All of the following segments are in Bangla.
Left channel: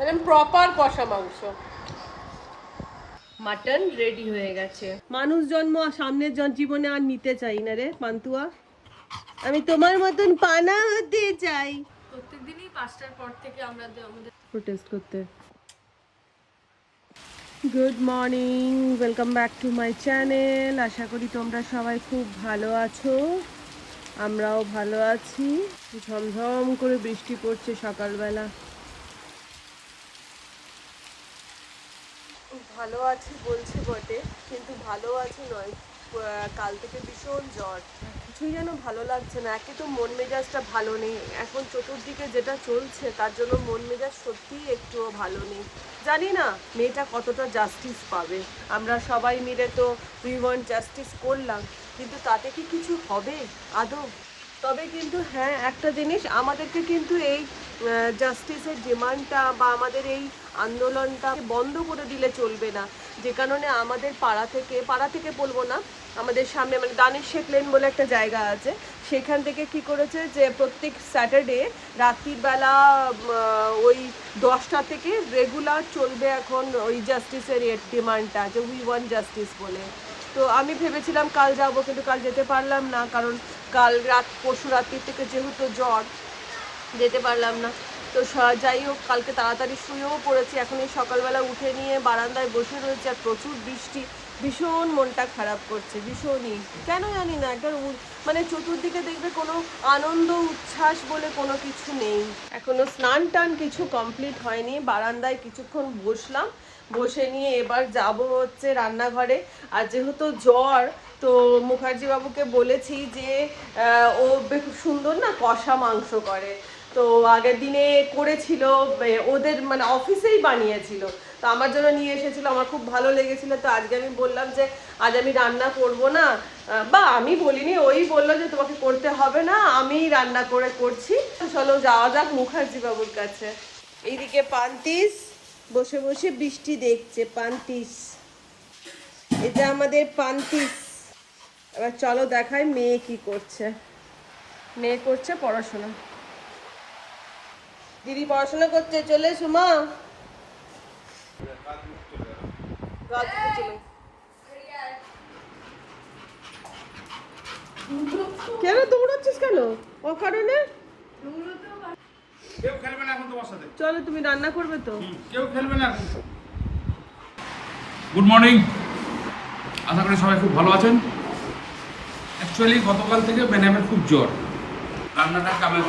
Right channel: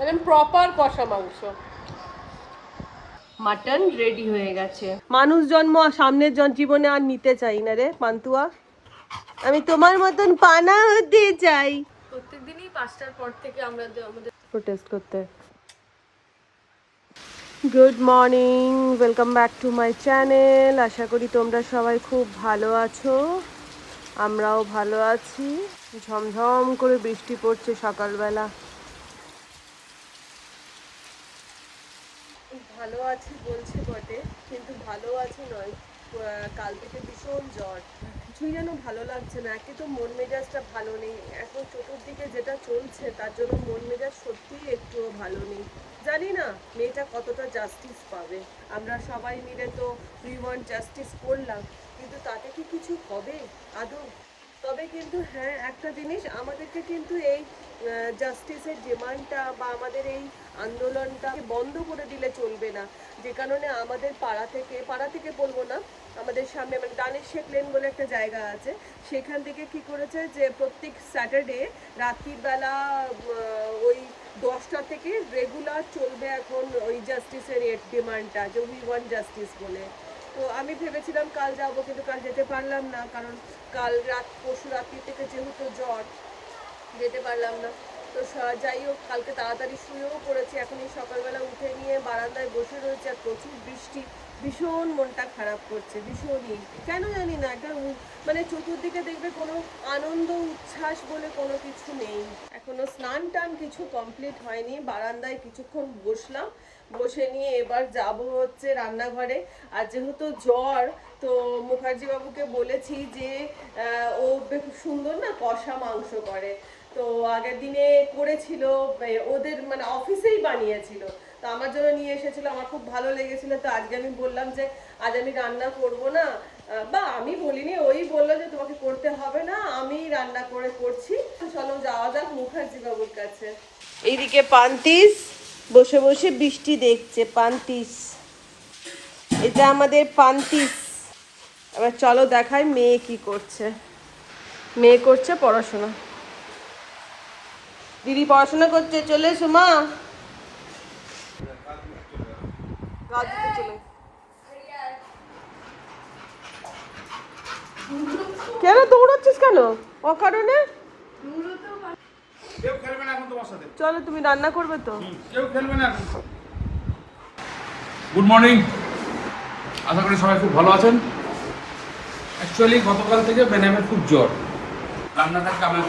একদম প্রপার কষা মাংস। মাটন রেডি হয়ে গেছে। মানুষ জন্ম সামনের জীবনে আর নিতে চাই না রে পান্তুয়া, আমি তোমার মতন পানা হতে চাই। প্রত্যেকদিনই 5টার পর থেকে আমরা আমাদের প্রোটেস্ট করতে। Good morning, welcome back to my channel. আশা করি তোমরা সবাই খুব ভালো আছো, আমরাও ভালো আছি। ঝমঝম করে বৃষ্টি পড়ছে সকালবেলা। ভালো আছি বলছে বটে, কিন্তু ভালো আছি নয়, কাল থেকে ভীষণ জ্বর, কিছুই যেন ভালো লাগছে না। একে তো মন মেজাজটা ভালো নেই, এখন চতুর্দিকে যেটা চলছে তার জন্য মন মেজাজ সত্যিই একটুও ভালো নেই। জানি না মেয়েটা কতটা জাস্টিস পাবে। আমরা সবাই মিলে তো উই ওয়ান্ট জাস্টিস করলাম, কিন্তু তাতে কি কিছু হবে আদৌ? তবে কিন্তু হ্যাঁ, একটা জিনিস, আমাদেরকে কিন্তু এই জাস্টিসের ডিমান্ডটা বা আমাদের এই আন্দোলনটা বন্ধ করে দিলে চলবে না। যে কারণে আমাদের পাড়া থেকে বলবো না, আমাদের সামনে মানে দানিশ শেখ লেন বলে একটা জায়গা আছে, সেখান থেকে কি করেছে যে প্রত্যেক স্যাটারডে রাত্রিবেলা ওই 10টা থেকে রেগুলার চলবে এখন ওই জাস্টিসের ডিমান্ডটা, যে উই ওয়ান্ট জাস্টিস বলে। তো আমি ভেবেছিলাম কাল যাব, কিন্তু কাল যেতে পারলাম না, কারণ কাল পরশু রাত্রির থেকে যেহেতু জ্বর, যেতে পারলাম না। তো যাই হোক, কালকে তাড়াতাড়ি শুয়েও পড়েছি, এখন এই সকালবেলা উঠে নিয়ে বারান্দায় বসে রয়েছে, আর প্রচুর বৃষ্টি, ভীষণ মনটা খারাপ করছে, ভীষণই, কেন জানি না। একটা মানে চতুর্দিকে দেখবে কোনো আনন্দ উচ্ছ্বাস বলে কোনো কিছু নেই। এখনো স্নান টান কিছু কমপ্লিট হয়নি, বারান্দায় কিছুক্ষণ বসলাম, বসে নিয়ে এবার যাব হচ্ছে রান্নাঘরে। আর যেহেতু জ্বর, তো মুখার্জি বাবুকে বলেছি যে ও খুব সুন্দর না কষা মাংস করে, তো আগের দিনে করেছিল, ওদের মানে অফিসেই বানিয়েছিল, তো আমার জন্য নিয়ে এসেছিল, আমার খুব ভালো লেগেছিল। তো আজকে আমি বললাম যে আজ আমি রান্না করব না, বা আমি বলিনি, ওই বললো যে তোমাকে করতে হবে না, আমি রান্না করে করছি। চলো যাওয়া যাক মুখার্জি বাবুর কাছে। এইদিকে পান্তিস বসে বসে বৃষ্টি দেখছে, পান্তিস, এটা আমাদের পান্তিস। এবার চলো দেখাই মেয়ে কি করছে। মেয়ে করছে পড়াশোনা, দিদি পড়াশোনা করছে, চলে এসো মা। কেন দৌড়াচ্ছিস কেন অকারণে? কেউ খেলবে না এখন তোমার সাথে। চলো, তুমি রান্না করবে তো? কেউ খেলবে না এখন। গুড মর্নিং, আশা করি সবাই খুব ভালো আছেন। অ্যাকচুয়ালি গতকাল থেকে বেনামের খুব জ্বর, রান্নাটা কামে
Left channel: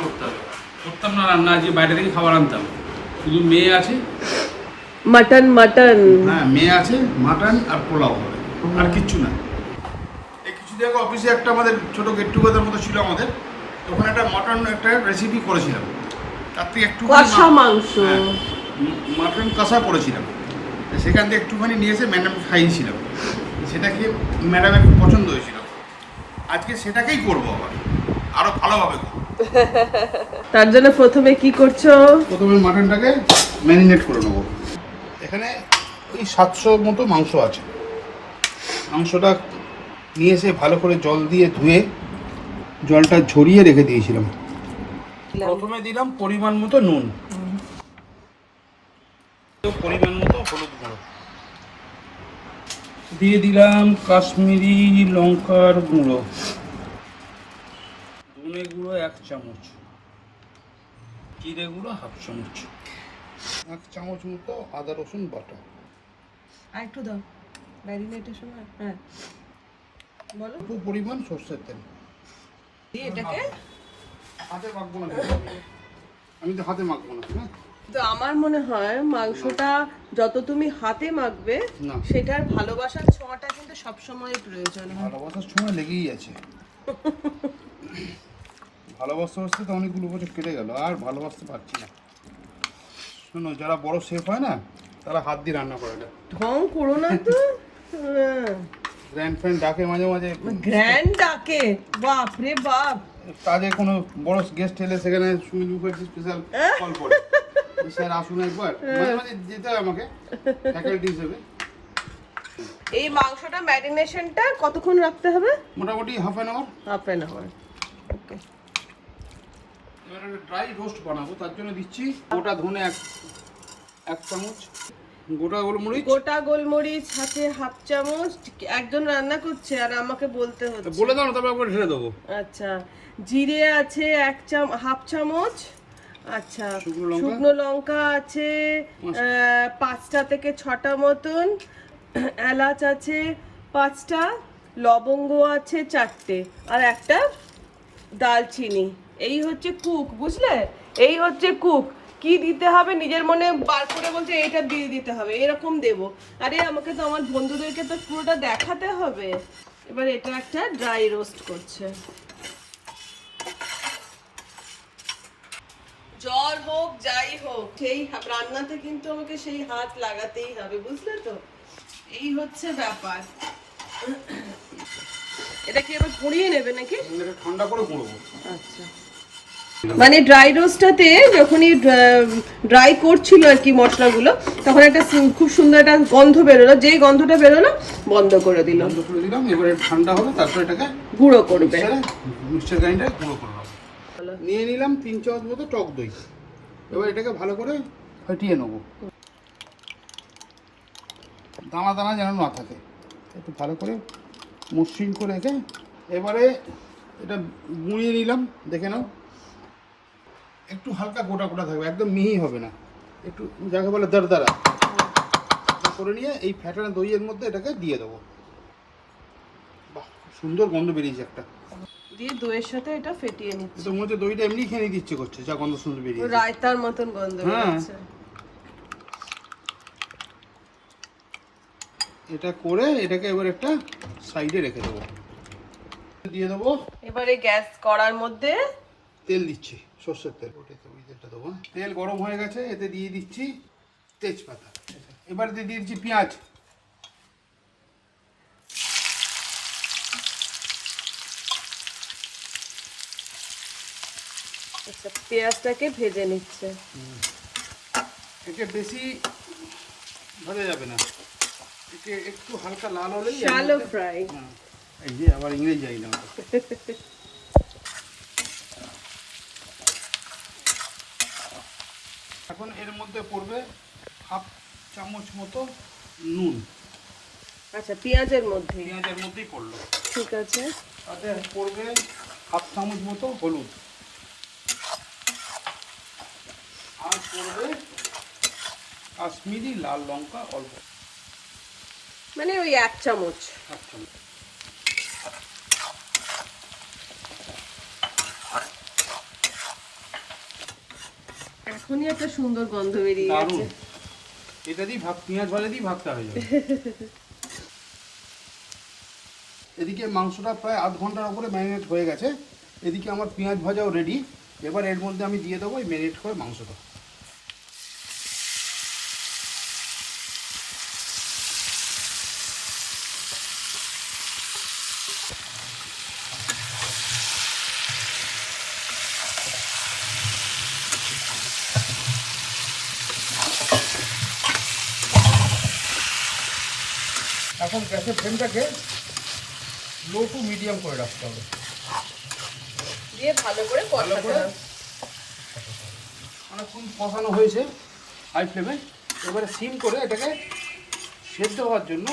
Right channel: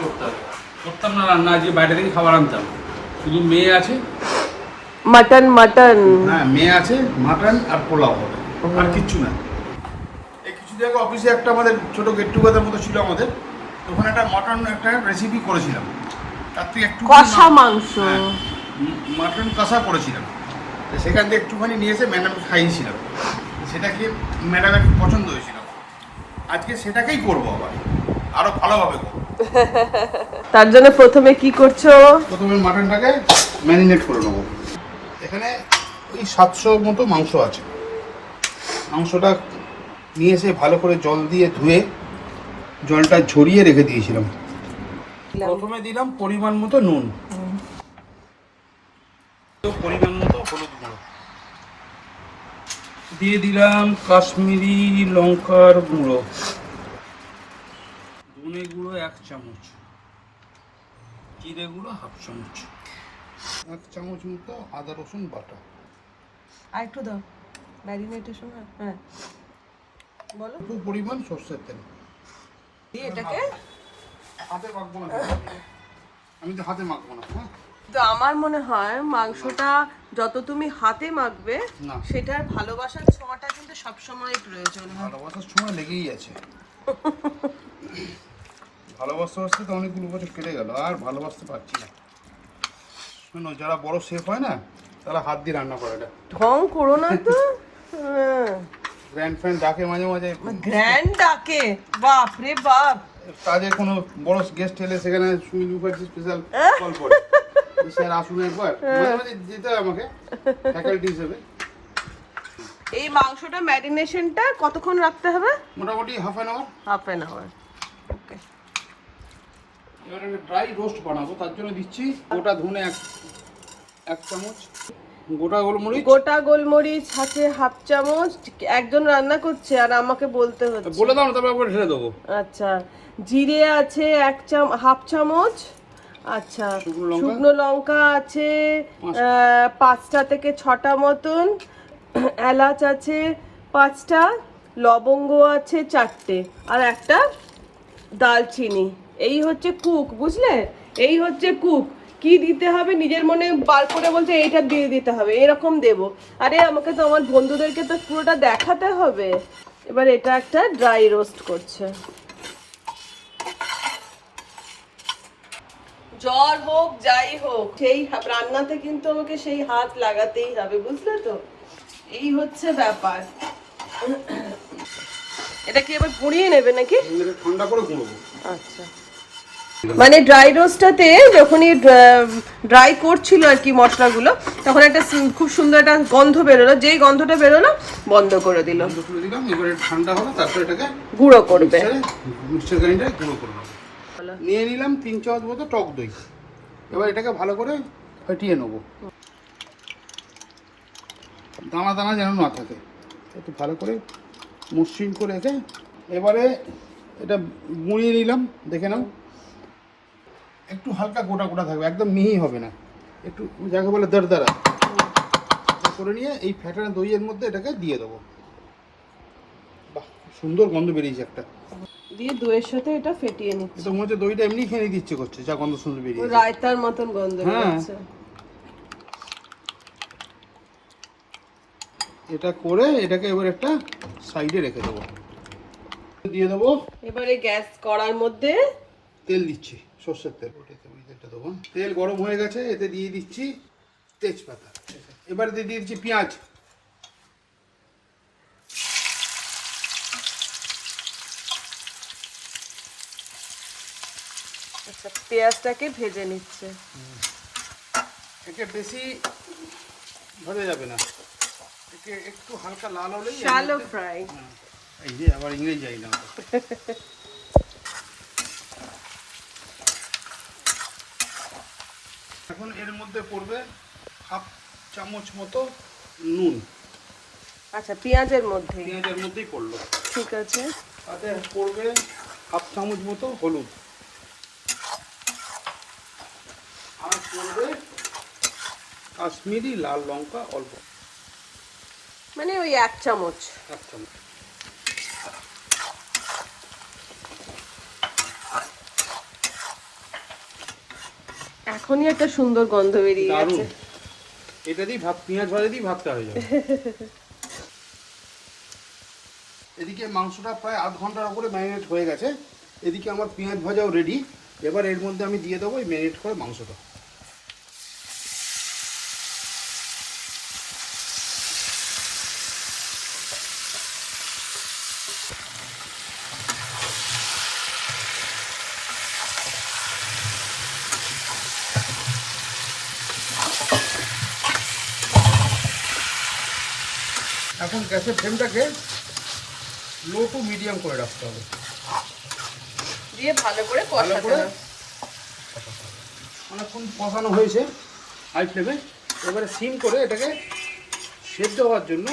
করতাম না রান্না, আজকে বাইরে থেকে খাবার আনতাম। শুধু মেয়ে আছে, মাটন হ্যাঁ মেয়ে আছে, মাটন আর পোলাও হবে, আর কিচ্ছু না। এই কিছুদিন আগে অফিসে একটা আমাদের ছোট গেট টুগেদার মতো ছিল আমাদের, তখন একটা মাটন একটা রেসিপি করেছিলাম, তার থেকে একটু কষা মাংস, মাটন কষা করেছিলাম, সেখান থেকে একটুখানি নিয়ে এসে ম্যাডামকে খাইয়েছিলাম, সেটা খেয়ে ম্যাডামের খুব পছন্দ হয়েছিল। আজকে সেটাকেই করবো, আবার আরো ভালোভাবে করবো। তার জন্য প্রথমে কি করছো? প্রথমে মাটনটাকে ম্যারিনেট করে নেবো। এখানে ওই 700 মতো মাংস আছে, মাংসটা নিয়ে এসে ভালো করে জল দিয়ে ধুয়ে জলটা ঝরিয়ে রেখে দিয়েছিলাম। প্রথমে দিলাম পরিমাণ মতো নুন, পরিমাণ মতো দিয়ে দিলাম কাশ্মীরি লঙ্কার গুঁড়ো, ধনে গুঁড়ো 1 চামচ, জিরে গুঁড়ো 1/2 চামচ, 1 চামচ মতো আদা রসুন বাটা। আর একটু দাও, ম্যারিনেটেশন। হ্যাঁ বলো। একটু পরিমাণ সরষের তেল। এটাকে হাতে মাখবো না, আমি তো হাতে মাখবো না। হ্যাঁ, তো আমার মনে হয় মাংসটা যত তুমি হাতে মাখবে, না, সেটার ভালোবাসার ছোঁয়াটা কিন্তু সবসময় প্রয়োজন। ভালোবাসার সময় লেগেই আছে। ভালোবাসতে বাসতে তো অনেকগুলো বছর কেটে গেল, আর ভালোবাসতে পারছি না। শোনো, যারা বড় শেফ হয় না, তারা হাত দিয়ে রান্না করে। ঢং করো না তো। গ্র্যান্ড ফ্যান ডাকে মাঝে মাঝে, গ্র্যান্ড ডাকে, বাপ রে বাপ। কাজে কোনো বড় গেস্ট এলে সেখানে সুমিত মুখার্জি স্পেশাল কল করে, স্যার আসুন একবার, মাঝে মাঝে যেতে হয় আমাকে ফ্যাকাল্টি হিসেবে। এই মাংসটা ম্যারিনেশনটা কতক্ষণ রাখতে হবে? মোটামুটি half an half an hour. Hour. Okay. এবার আমি ড্রাই রোস্ট বানাবো, তার জন্য দিচ্ছি গোটা ধনে 1 চামচ গোটা গোলমরিচ। গোটা গোলমরিচ আছে 1/2 চামচ। একজন রান্না করছে আর আমাকে বলতে হচ্ছে। বলে দাও না, তারপর আবার ঢেলে দেবো। আচ্ছা, জিরে আছে 1/2 চামচ। আচ্ছা, শুকনো লঙ্কা আছে 5টা থেকে 6টা মতন। এলাচ আছে 5টা, লবঙ্গ আছে 4টে, আর একটা দালচিনি। এই হচ্ছে কুক, বুঝলে? এই হচ্ছে কুক। কি দিতে হবে নিজের মনে বার করে বলছে এইটা দিয়ে দিতে হবে, এরকম দেব। আরে আমাকে তো আমার বন্ধুদেরকে তো পুরোটা দেখাতে হবে। এবার এটা একটা ড্রাই রোস্ট করছে। জ্বর হোক যাই হোক, সেই রান্নাতে কিন্তু আমাকে সেই হাত লাগাতেই হবে, বুঝলে তো? এই হচ্ছে ব্যাপার। এটা কি এবার গুঁড়িয়ে নেবে নাকি? ঠান্ডা করে গুঁড়বো। আচ্ছা, মানে ড্রাই রোস্টটাতে যখনই ড্রাই করছিল আর কি মশলাগুলো, তখন একটা খুব সুন্দর একটা গন্ধ বেরোলো। যেই গন্ধটা বেরোলো বন্ধ করে দিল। বন্ধ করে দিলাম। এবারে ঠান্ডা হলো, তারপর এটাকে গুঁড়ো করবে। মিক্সচার গ্রাইন্ডারে গুঁড়ো করে নেবো। নিয়ে নিলাম 3 চামচ মতো টক দই। এবার এটাকে ভালো করে ফেটিয়ে নেবো, দানা দানা যেন না থাকে। একটু ভালো করে মসৃণ করে রেখে এবারে এটা গুঁড়িয়ে নিলাম। দেখে নাও, একটু হালকা গোটা গোটা থাকবে, একদম মিহি হবে না, একটু যাকে বলে দরদরা করে নিয়ে এই ফ্যাটানো দইয়ের মধ্যে এটাকে দিয়ে দেবো। বাহ, সুন্দর গন্ধ বেরিয়েছে একটা। দিয়ে দইয়ের সাথে এটা ফেটিয়ে নিচ্ছি। এটা মনে হচ্ছে দইটা এমনি খেয়ে নিতে ইচ্ছে করছে, যা গন্ধ সুন্দর বেরিয়েছে। রায়তার মতন গন্ধ বেরোচ্ছে। এটা করে এটাকে এবার একটা সাইডে রেখে দেবো। দিয়ে দেবো এবারে গ্যাস কড়ার মধ্যে তেল দিচ্ছি, সর্ষের তেল। ওই তেলটা দেবো। তেল গরম হয়ে গেছে, এতে দিয়ে দিচ্ছি তেজপাতা। এবারে দিয়ে দিচ্ছি পেঁয়াজ। পেঁয়াজটাকে ভেজে নিচ্ছে। একে বেশি ভাজা যাবে না, একে একটু হালকা লাল হলেই। Shallow fry. এই যে আবার ইংরেজ যাই না। এখন এর মধ্যে পড়বে 1/2 চামচ মতো নুন। আচ্ছা, পেঁয়াজের মধ্যে? পেঁয়াজের মধ্যেই পড়লো। ঠিক আছে। তাতে পড়বে 1/2 চামচ মতো হলুদ, আর পড়বে কাশ্মীরি লাল লঙ্কা অল্প, মানে ওই 1 চামচ। 1 চামচ। এখনই একটা সুন্দর গন্ধ বেরিয়ে দারুণ। গেছে। এটা দিয়ে ভাত, পেঁয়াজ ভাজা দিয়ে ভাতটা হয়ে যাবে। এদিকে মাংসটা প্রায় 1/2 ঘন্টার উপরে ম্যারিনেট হয়ে গেছে। এদিকে আমার পেঁয়াজ ভাজাও রেডি। এবার এর মধ্যে আমি দিয়ে দেবো এই ম্যারিনেট করে মাংসটা। এখন গ্যাসের ফ্লেমটাকে লো টু মিডিয়াম করে রাখতে হবে। দিয়ে ভালো করে ভালো কষাতে করে হবে। অনেকক্ষণ কষানো হয়েছে হাই ফ্লেমে। এবারে সিম করে এটাকে সেদ্ধ হওয়ার জন্য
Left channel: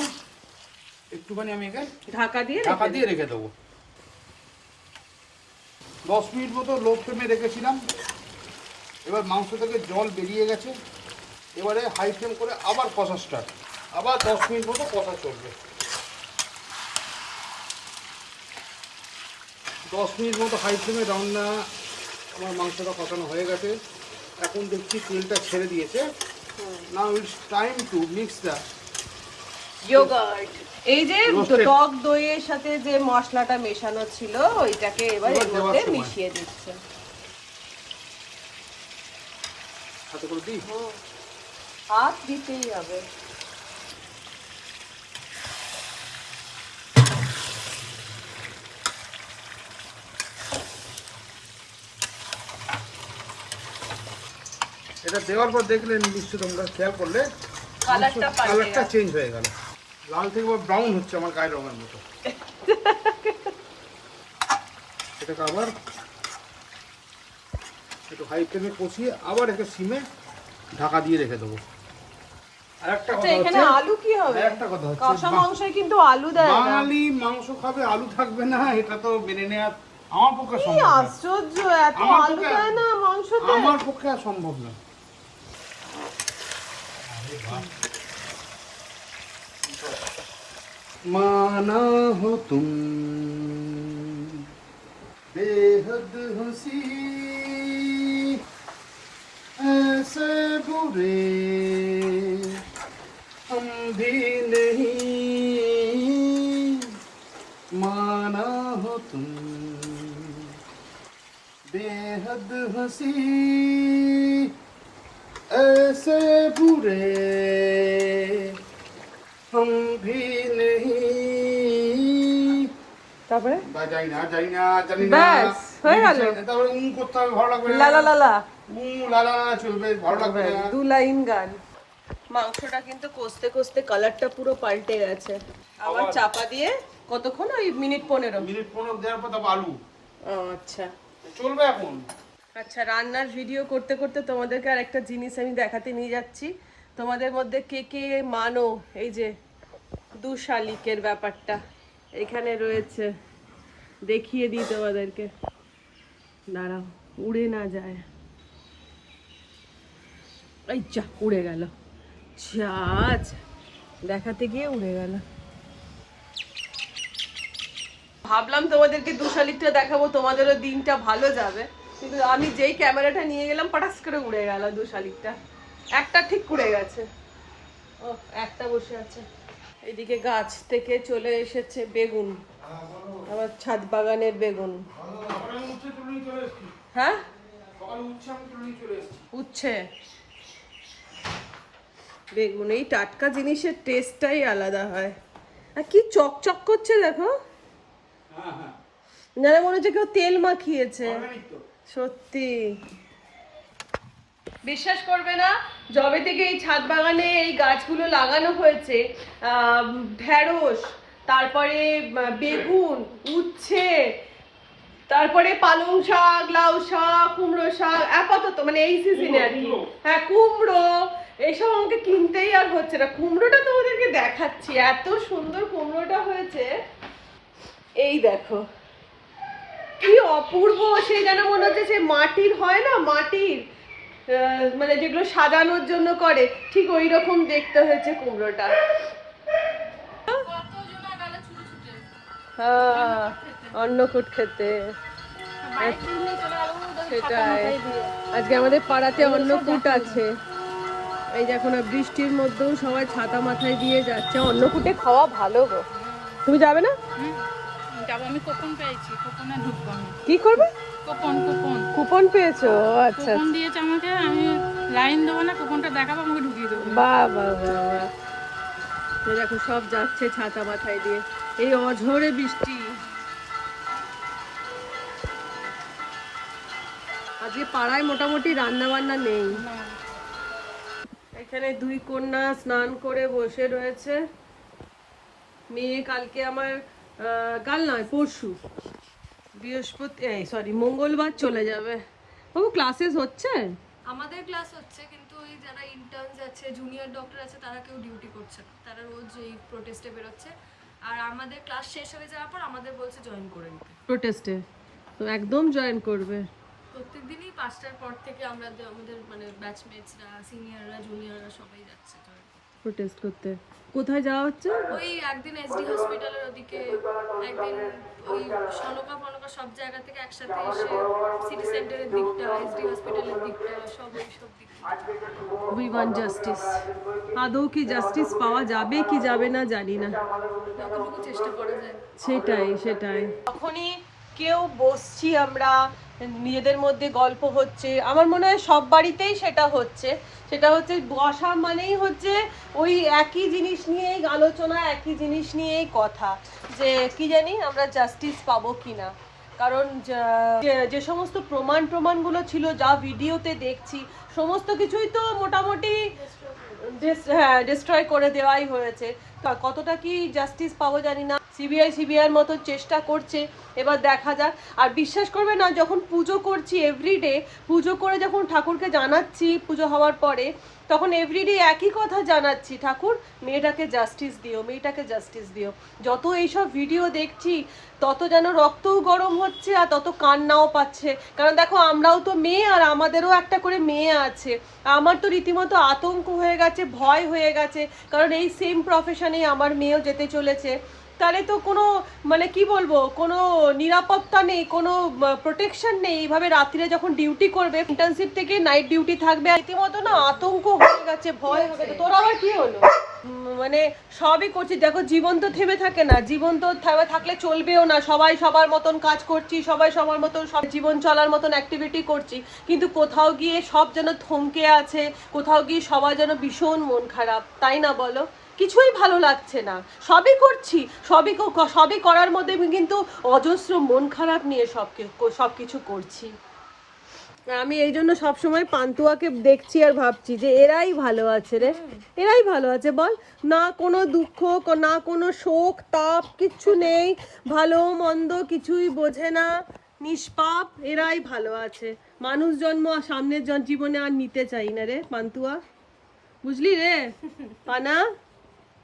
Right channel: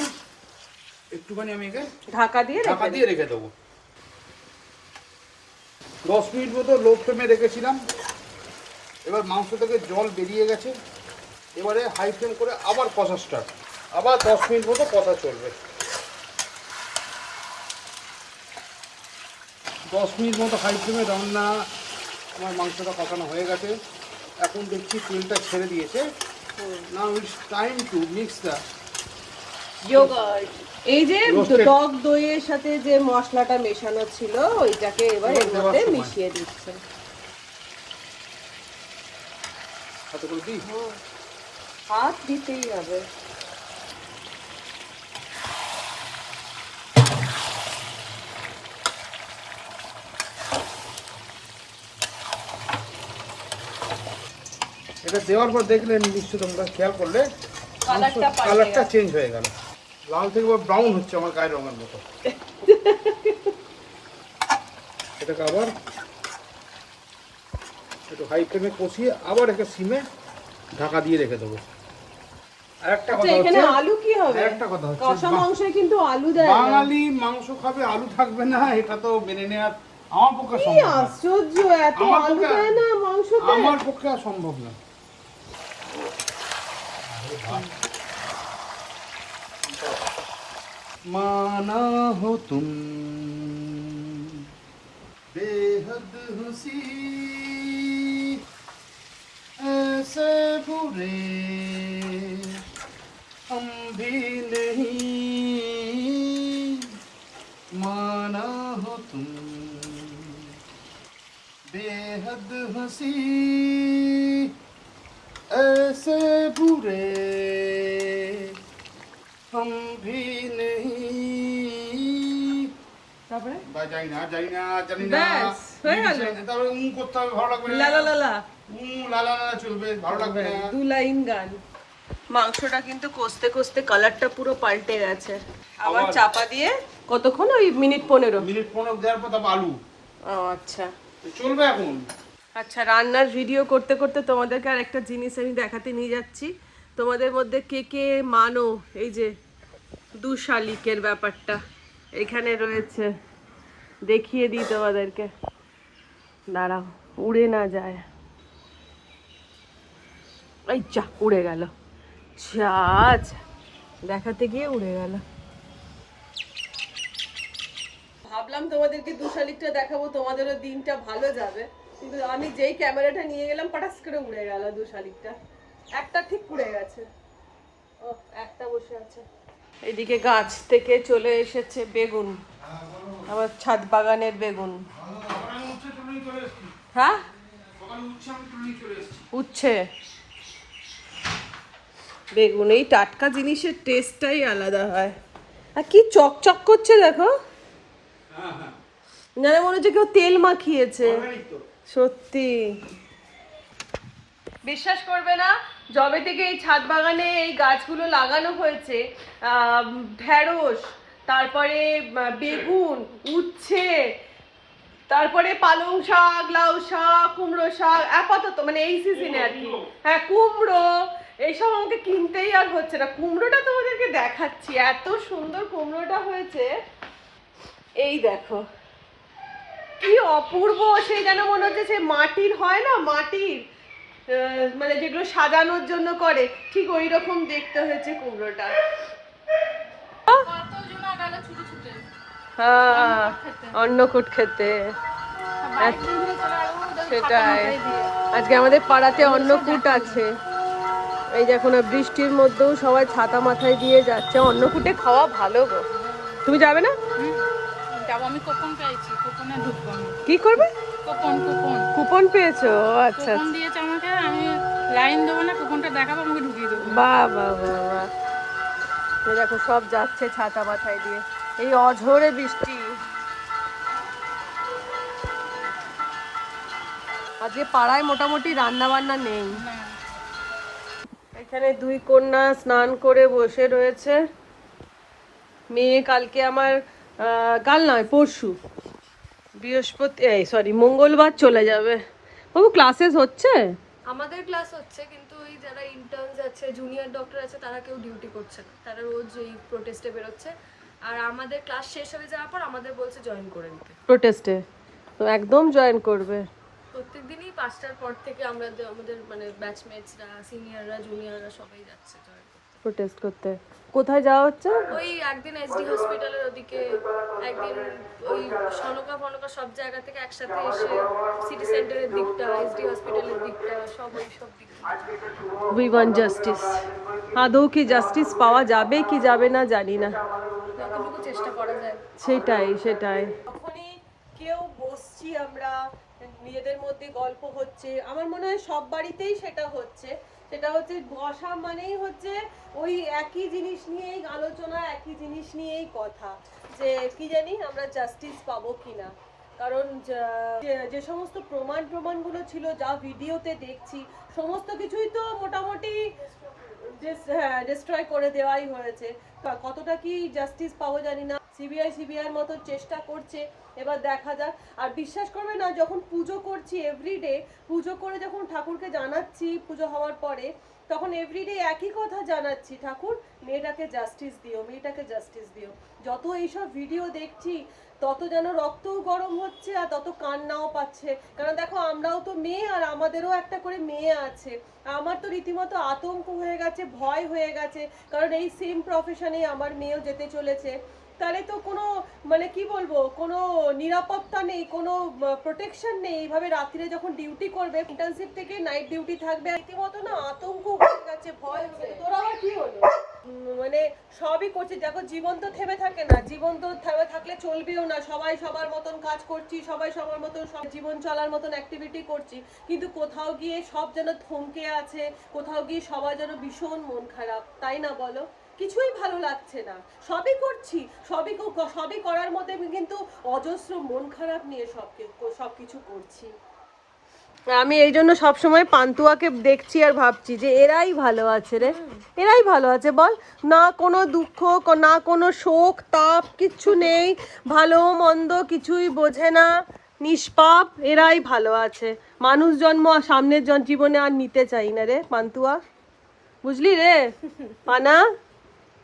একটুখানি আমি এখানে ঢাকা দিয়ে রেখে দেবো। 10 মিনিট মতো লো ফ্লেমে রেখেছিলাম। এবার মাংস থেকে জল বেরিয়ে গেছে। এবারে হাই ফ্লেম করে আবার কষা স্টার্ট। আবার 10 মিনিট মতো কষা চলবে। 10 মিনিট মতো হাই ফ্লেমে রান্না আমার মাংসটা কষানো হয়ে গেছে। এখন দেখছি তেলটা ছেড়ে দিয়েছে। Now it's time to mix the yogurt. এই যে Roasted. টক দইয়ের সাথে যে মশলাটা মেশানো ছিল ওইটাকে এবার এর দেওয়ার মধ্যে সময়। মিশিয়ে দিচ্ছে। হাতে করে দিই। হাত দিতেই হবে। এটা দেওয়ার পর দেখলে নিশ্চয় তোমরা খেয়াল করলে কালারটা পাল্টে কালারটা গেছে। চেঞ্জ হয়ে গেল। লাল থেকে ব্রাউন হচ্ছে আমার গায়ের রঙের মতো। এটাকে আবার একটু হাই ফ্লেমে কষিয়ে আবার একে সিমে ঢাকা দিয়ে রেখে দেবো। আর একটা আচ্ছা, কথা এখানে হচ্ছে, আলু কি হবে? একটা কথা হচ্ছে, কষা মাংসে কিন্তু আলু দেয় না। বাঙালি মাংস খাবে, আলু থাকবে না, এটা তো মেনে নেওয়া আমার পক্ষে কি সম্ভব না। আশ্চর্য, এত আমার আলু পক্ষে- দেয় না মাংসতে? আমার পক্ষে আর সম্ভব না। माना हो तुम बेहद हंसी ऐसे बुरे हम भी नहीं माना हो तुम बेहद हंसी ऐसे बुरे हम भी नहीं তারপরে জানি না ব্যাস, হয়ে গেল। তারপরে করতে হবে, ভালো লাগবে না। লা লা লা লা লা লা লা চলবে, ভালো লাগবে না। 2 লাইন গান। মাংসটা কিন্তু কষতে কষতে কালারটা পুরো পাল্টে গেছে। আবার চাপা দিয়ে কতক্ষণ? ওই মিনিট 15। মিনিট 15 দেওয়ার পর তারপর আলু আচ্ছা চলবে এখন। আচ্ছা, রান্নার ভিডিও করতে করতে তোমাদেরকে আর একটা জিনিস আমি দেখাতে নিয়ে যাচ্ছি। তোমাদের মধ্যে কে কে মানো এই যে দুশালিকের ব্যাপারটা এখানে রয়েছে, দেখিয়ে দিই তোমাদেরকে। দাঁড়াও, উড়ে না যায়। এই যা, উড়ে গেল। চাচ, দেখাতে গিয়ে উড়ে গেল। ভাবলাম তোমাদেরকে দুশালিকটা দেখাবো, তোমাদেরও দিনটা ভালো যাবে, কিন্তু আমি যেই ক্যামেরাটা নিয়ে গেলাম পটাস করে উড়ে গেল দুশালিকটা। একটা ঠিক উড়ে গেছে, ও একটা বসে আছে। এদিকে গাছ থেকে চলে এসেছে বেগুন, আমার ছাদ বাগানের বেগুন। হ্যাঁ, উচ্ছে বেগুন, এই টাটকা জিনিসের টেস্টটাই আলাদা হয়। আর কি চকচক করছে দেখো, না মনে হচ্ছে কেউ তেল মাখিয়েছে। সত্যি বিশ্বাস করবে না, যবে থেকে এই ছাদ বাগানে এই গাছগুলো লাগানো হয়েছে, ঢেঁড়স, তারপরে বেগুন, উচ্ছে, তারপরে পালং শাক, লাউ শাক, কুমড়ো শাক, আপাতত মানে এই সিজনে আর কি। হ্যাঁ, কুমড়ো, এইসব আমাকে কিনতেই আর হচ্ছে না। কুমড়োটা তোমাদেরকে দেখাচ্ছি, এত সুন্দর কুমড়োটা হয়েছে। এই দেখো কি অপূর্ব, সেই যেন মনে হচ্ছে সে মাটির হয় না, মাটির মানে যেগুলো সাজানোর জন্য করে, ঠিক ওই রকম দেখতে হয়েছে কুমড়োটা। হ্যাঁ, অন্নকূট খেতে। সেটাই, আজকে আমাদের পাড়াতে অন্নকূট আছে। এই যে এখন বৃষ্টির মধ্যেও সবাই ছাতা মাথায় দিয়ে যাচ্ছে। অন্নকূটে খাওয়া ভালো গো। তুমি যাবে না? যাবো, আমি কুপন পেয়েছি, কুপনে ঢুকবো আমি। কি করবে? কুপন কুপন কুপন পেয়েছো? আচ্ছা, কুপন দিয়েছে আমাকে, আমি লাইন দেবো না, কুপনটা দেখাবো, আমাকে ঢুকিয়ে দেবো। বাহ বাহ বাহ বাহ। এই দেখো সব যাচ্ছে ছাতা মাথায় দিয়ে, এই অঝোরে বৃষ্টি। আজকে পাড়ায় মোটামুটি রান্না বান্না নেই। এখানে দুই কন্যা স্নান করে বসে রয়েছে। মেয়ে কালকে আমার কাল নয় পরশু বৃহস্পতি, সরি মঙ্গলবার চলে যাবে। বাবু ক্লাসেস হচ্ছে? আমাদের ক্লাস হচ্ছে, কিন্তু ওই যারা ইন্টার্নস আছে, জুনিয়র ডক্টর আছে, তারা কেউ ডিউটি করছে না, তারা রোজ এই প্রোটেস্টে বেরোচ্ছে। আর আমাদের ক্লাস শেষ হয়ে যাওয়ার পর আমাদের বলছে জয়েন করে নিতে। প্রোটেস্টে তো একদম জয়েন করবে। প্রত্যেকদিনই 5টার পর থেকে আমরা আমাদের মানে ব্যাচমেটসরা, সিনিয়ররা, জুনিয়ররা সবাই যাচ্ছে জয়েন করতে। প্রোটেস্ট করতে কোথায় যাওয়া হচ্ছে? ওই একদিন এসডি হসপিটালের ওদিকে, একদিন ওই সনকা ফনকা সব জায়গা থেকে একসাথে এসে সিটি সেন্টারের দিকটা, এসডি হসপিটালের দিকটা, সব ওই সব দিক। We want justice. আদৌ কি জাস্টিস পাওয়া যাবে কি যাবে না জানি না, যতটুকু চেষ্টা করা যায়। সেটাই সেটাই। যখনই কেউ বসছি আমরা, নিজেদের মধ্যে গল্প হচ্ছে, আমার মনে হয় সব বাড়িতেই সেটা হচ্ছে। সেটা হচ্ছে বসা মানেই হচ্ছে ওই একই জিনিস নিয়েই আলোচনা, একই জিনিস নিয়েই কথা, যে কি জানি আমরা জাস্টিস পাবো কিনা। কারণ যে সমস্ত প্রমাণগুলো ছিল, যা ভিডিওতে দেখছি, সমস্ত কিছুই তো মোটামুটি ডিস্ট্রয় করে দেওয়াই হয়েছে। কতটা কি জাস্টিস পাবো জানি না। সিবিআই মতো চেষ্টা করছে, এবার দেখা যাক। আর বিশ্বাস করবে না, যখন পুজো করছি এভরিডে, পুজো করে যখন ঠাকুরকে জানাচ্ছি পুজো হওয়ার পরে, তখন এভরিডে একই কথা জানাচ্ছি, ঠাকুর মেয়েটাকে জাস্টিস দিও, মেয়েটাকে জাস্টিস দিও। যত এইসব ভিডিও দেখছি তত যেন রক্তও গরম হচ্ছে আর তত কান্নাও পাচ্ছে। কারণ দেখো আমরাও তো মেয়ে, আর আমাদেরও একটা করে মেয়ে আছে। আমার তো রীতিমতো আতঙ্ক হয়ে গেছে, ভয় হয়ে গেছে, কারণ এই সেম প্রফেশনে আমার মেয়েও যেতে চলেছে। তাহলে তো কোনো মানে কি বলবো, কোনো নিরাপত্তা নেই, কোনো প্রোটেকশন নেই। এইভাবে রাত্রিরে যখন ডিউটি করবে, ইন্টার্নশিপ থেকে নাইট ডিউটি থাকবে, রীতিমতো না আতঙ্ক হয়ে গেছে, ভয় হয়ে গেছে। তোর আবার কি হলো? মানে সবই করছি, দেখো জীবন তো থেমে থাকে না, জীবন তো থেমে থাকলে চলবেও না। সবাই সবার মতন কাজ করছি, সবাই সবার মতন সব জীবন চলার মতন অ্যাক্টিভিটি করছি, কিন্তু কোথাও গিয়ে সব যেন থমকে আছে, কোথাও গিয়ে সবার যেন ভীষণ মন খারাপ, তাই না বলো? কিছুই ভালো লাগছে না, সবই করছি, সবই করার মধ্যে কিন্তু অজস্র মন খারাপ নিয়ে সব কিছু করছি। আমি এই জন্য সবসময় পান্তুয়াকে দেখছি আর ভাবছি যে এরাই ভালো আছে রে, এরাই ভালো আছে বল। না কোনো দুঃখ, না কোনো শোক তাপ, কিচ্ছু নেই, ভালো মন্দ কিছুই বোঝে না, নিষ্পাপ, এরাই ভালো আছে। মানুষ জন্ম সামনের জীবনে আর নিতে চাই না রে পান্তুয়া, বুঝলি রে পানা?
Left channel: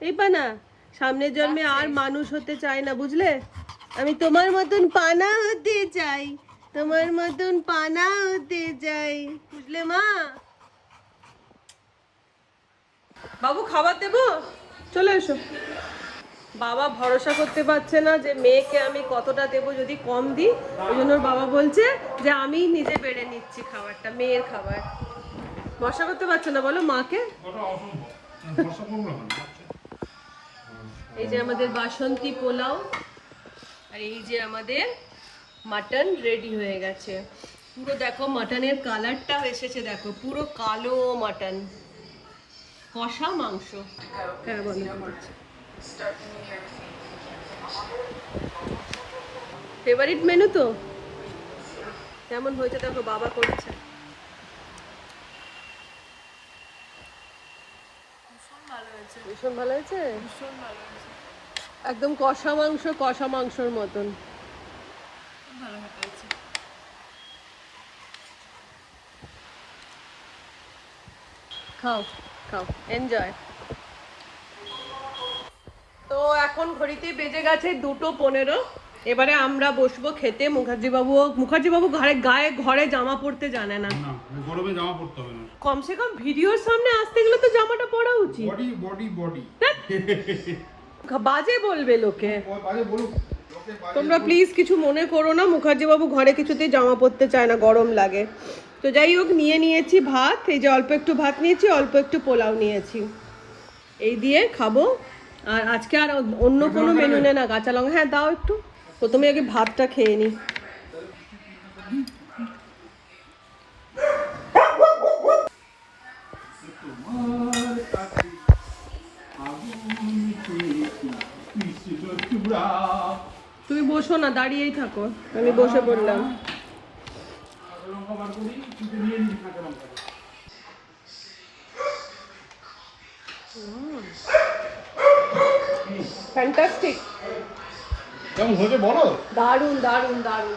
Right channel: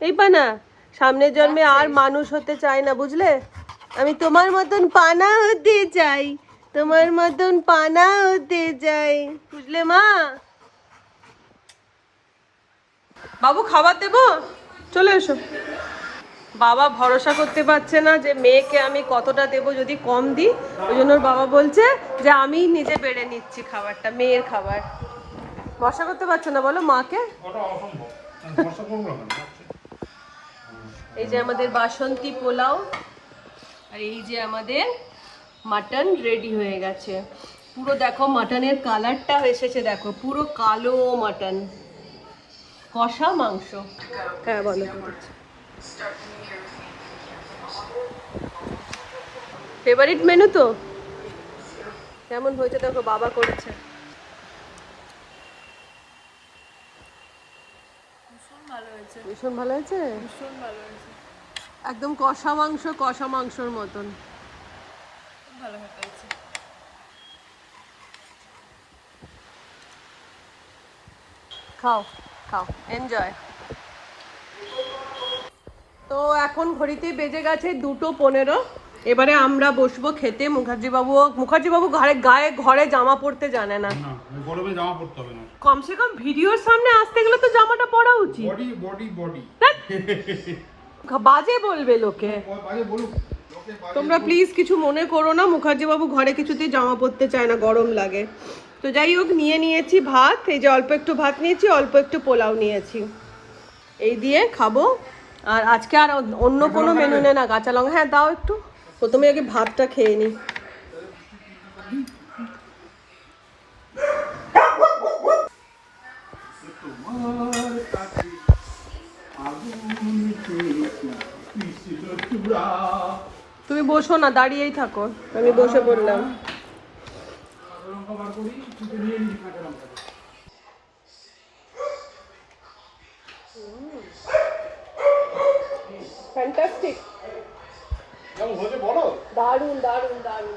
এই পানা, সামনের জন্মে আর মানুষ হতে চাই না, বুঝলে? আমি তোমার মতন পানা হতে চাই, তোমার মতন পানা হতে চাই, বুঝলে মা? বাবু খাবার দেবো, চলে এসো। বাবা ভরসা করতে পারছে না যে মেয়েকে আমি কতটা দেবো, যদি কম দিই। ওই জন্য বাবা বলছে যে আমি নিজে বেড়ে নিচ্ছি খাবারটা, মেয়ের খাবার। ভরসা করতে পারছে না বলো মাকে? এই যে আমাদের বাসন্তী পোলাও, আর এই যে আমাদের মাটন রেডি হয়ে গেছে। পুরো দেখো মাটনের কালারটা এসেছে, দেখো পুরো কালো মাটন, কষা মাংস। হ্যাঁ বলো, ফেভারিট মেনু তো। কেমন হয়েছে দেখো, বাবা করেছে। ভীষণ ভালো হয়েছে, একদম কষা মাংসর মতন ভালো হয়েছে। খাও খাও, এনজয়। তো এখন ঘড়িতে বেজে গেছে 2:15। এবারে আমরা বসবো খেতে। মুখার্জি বাবু ঘরে জামা পরতে জানে না, গরমে জামা পরতে হবে না। কমসে কম ভিডিওর সামনে আসতে গেলে তো জামাটা পরা উচিত। বডি বাজে বলবে লোকে, বাজে বলুক। তোমরা প্লিজ কিছু মনে করো না। মুখার্জি বাবু ঘরে কিছুতেই জামা পরতে চায় না, গরম লাগে। তো যাই হোক, নিয়েছি ভাত। এই যে অল্প একটু ভাত নিয়েছি, অল্প একটু পোলাও নিয়েছি, এই দিয়ে খাবো। আর আজকে আর অন্য কোনো মেনু নেই না। কাঁচা লঙ্কা হ্যাঁ দাও একটু। প্রথমে আগে ভাতটা খেয়ে নিই। তুমি বসো না, দাঁড়িয়েই থাকো, আমি বসে পড়লাম। ফ্যান্টাস্টিক, কেমন হয়েছে বলো? দারুণ দারুণ দারুণ,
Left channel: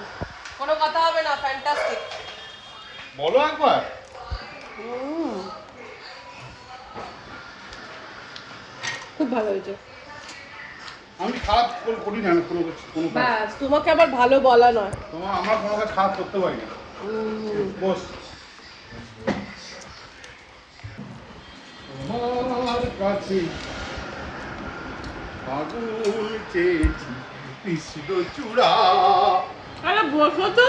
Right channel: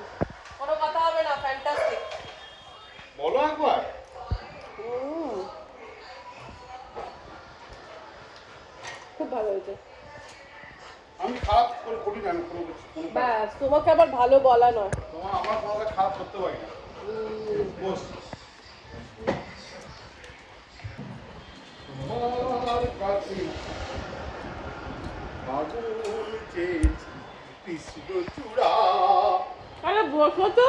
কোনো কথা হবে না, ফ্যান্টাস্টিক। বলো একবার। খুব ভালো হয়েছে। আমি খারাপ করি না কোনো কাজ। ব্যাস, তোমাকে আবার ভালো বলা নয়। আমরা কোনো কাজ খারাপ করতে পারি না। বস। তোমার কাছে আকুল চেয়েছি কৃষ্ণচূড়া। আরে বসো তো।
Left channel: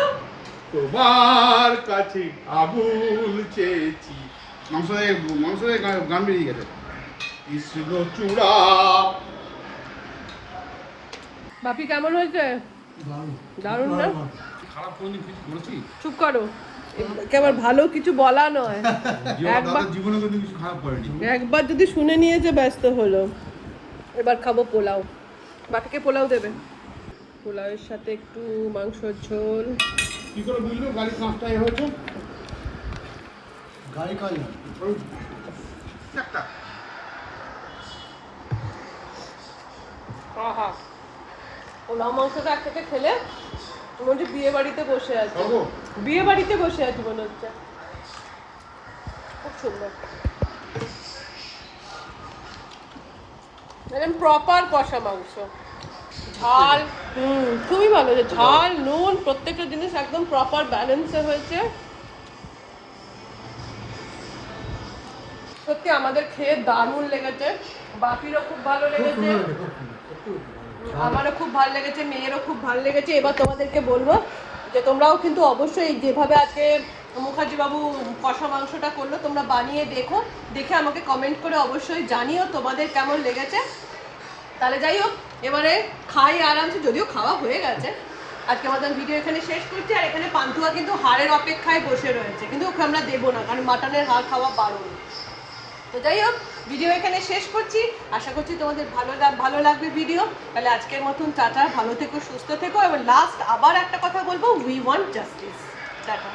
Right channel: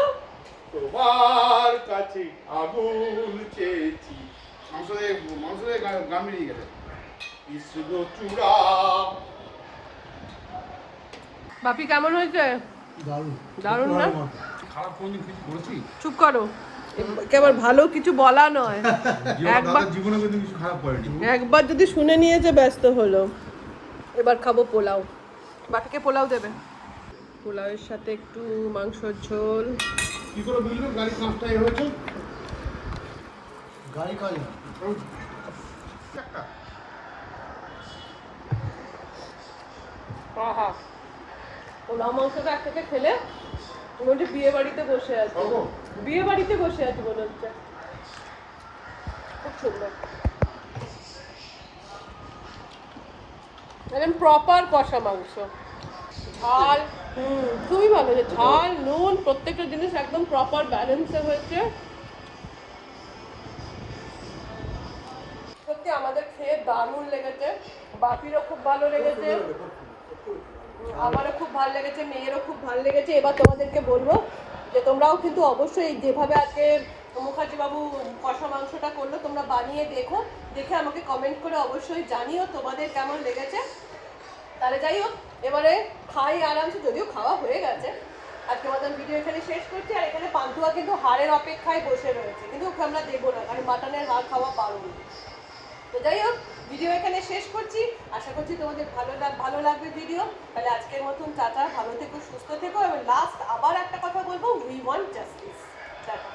তোমার কাছে আগুল চেয়েছি। মাংস গান বেরিয়ে গেছে। কৃষ্ণচূড়া। বাপি কেমন হয়েছে? দারুণ না? খারাপ কোনদিন কিছু করেছি? চুপ করো, একেবারে ভালো কিছু বলা নয়। দাদার জীবনে কিন্তু কিছু খারাপ করেনি। একবার যদি শুনে নিয়েছে ব্যস্ত হলো। এবার খাবো পোলাও। বাপিকে পোলাও দেবে। পোলাওয়ের সাথে একটু মাংসর ঝোল। কি করে বুঝলো গাড়ি কাজটা হয়েছে? গাড়ি কাজ না। আহা, পোলাও মাংসটা একসাথে খেলে মনে হচ্ছে বিয়ে বাড়িতে বসে আছি, মনে হচ্ছে। খুব সুন্দর। একদম প্রপার কষা মাংস, ঝাল খুবই ভালো হয়েছে, ঝাল নুন প্রত্যেকটা জিনিস একদম প্রপার ব্যালেন্সে হয়েছে। সত্যি আমাদের খেয়ে দারুণ লেগেছে, বাপিরও খুব ভালো লেগেছে, আমারও খুব ভালো লেগেছে, মেয়েরও খুব ভালো লেগেছে। এবার তোমাদেরকে বলবো যে তোমরাও কিন্তু অবশ্যই যেভাবে আজকে মুখার্জি বাবু কষা মাংসটা করলো তোমরা বানিয়ে দেখো, দেখে আমাকে কমেন্ট করে অবশ্যই জানিও তোমাদের কেমন লেগেছে। তাহলে যাই হোক, এবারে খাই আরামসে, যদিও খাওয়া হয়ে গেছে। আজকে আমাদের ভিডিও এখানে শেষ করছি। আর এখানে পান্তুয়া কিন্তু হাড়ের অপেক্ষায় বসে রয়েছে, কিন্তু ওকে আমরা দেবো না, কারণ মাটনের হাড় খাওয়া বারণ। তো যাই হোক, ভিডিও এখানে শেষ করছি। আশা করছি তোমাদের ভালো লাগবে ভিডিও। তাহলে আজকের মতন টাটা, ভালো থেকো, সুস্থ থেকো। এবং লাস্ট আবার একটা কথা বলবো, উই ওয়ান্ট জাস্টিস। টাটা।